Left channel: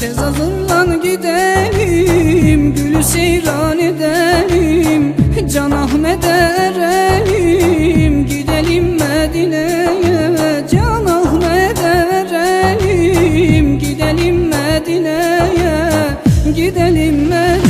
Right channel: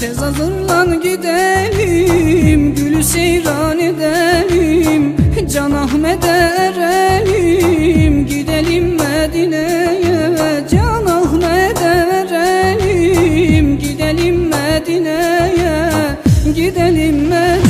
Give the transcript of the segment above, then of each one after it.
Tez hazırlan gidelim Gülü seyran edelim Can Ahmet'e erelim. Gidelim Medine'ye Can Ahmet'e erelim. Gidelim Medine'ye Gidelim Medine'ye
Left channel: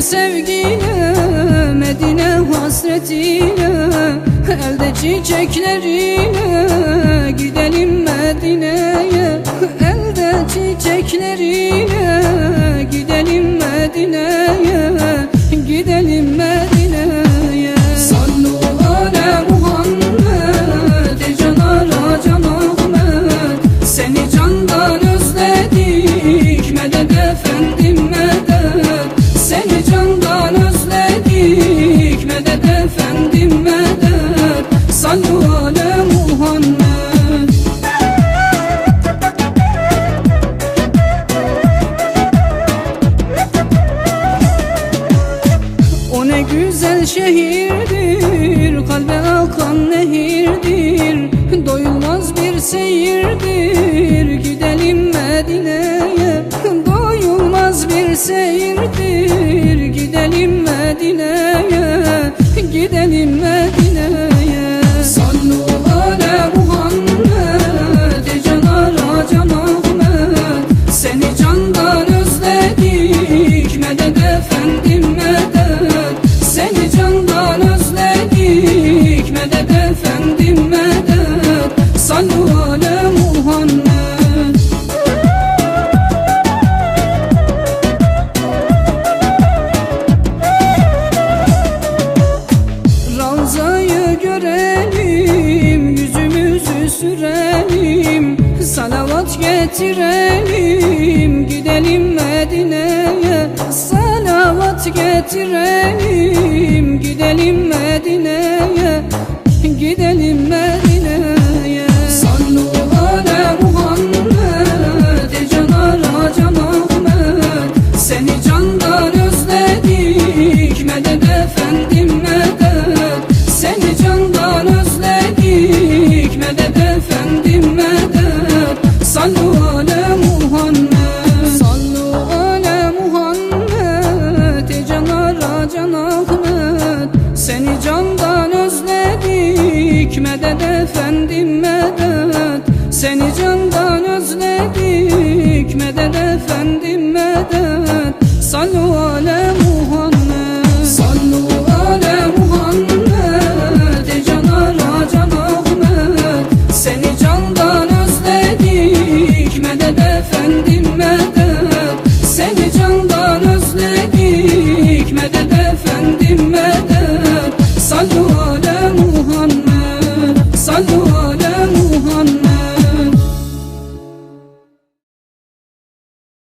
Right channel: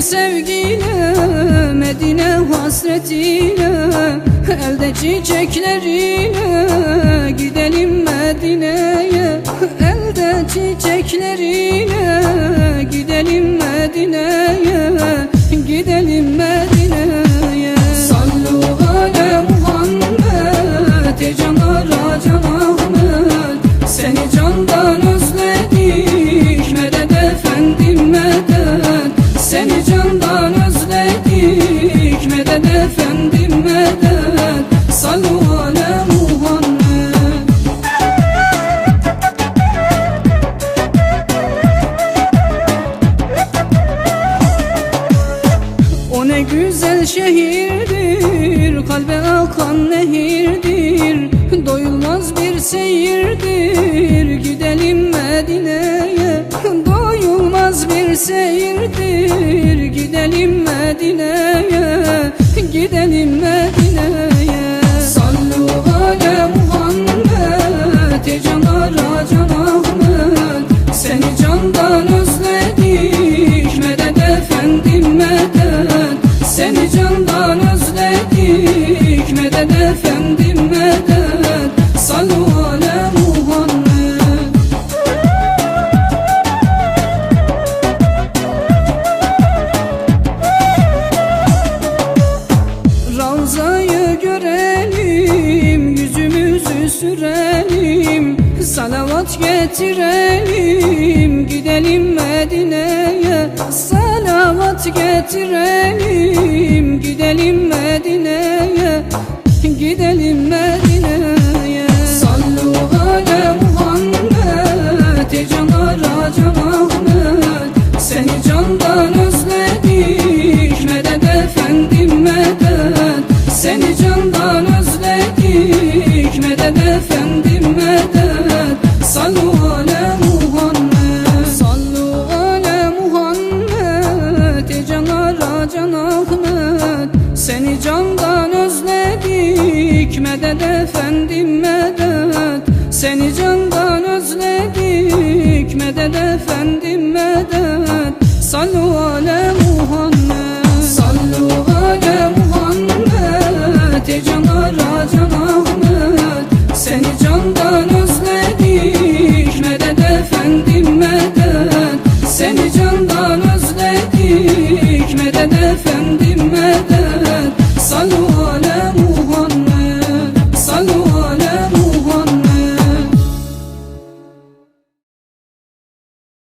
Yürüyelim sevgiyle Medine hasretiyle Elde çiçekleriyle Gidelim Medine'ye. Elde çiçekleriyle Gidelim güzel şehirdir Kalbe akan nehirdir. Doyulmaz bir seyirdir Gidelim Medine'ye. Doyulmaz bir seyirdir Gidelim Medine'ye sürelim Salavat getirelim, gidelim Medine'ye Salavat getirelim, gidelim Medine'ye Gidelim Medine'ye Can Ahmet Seni candan özledik Medet efendim medet. Seni candan özledik Medet efendim medet. Muhammed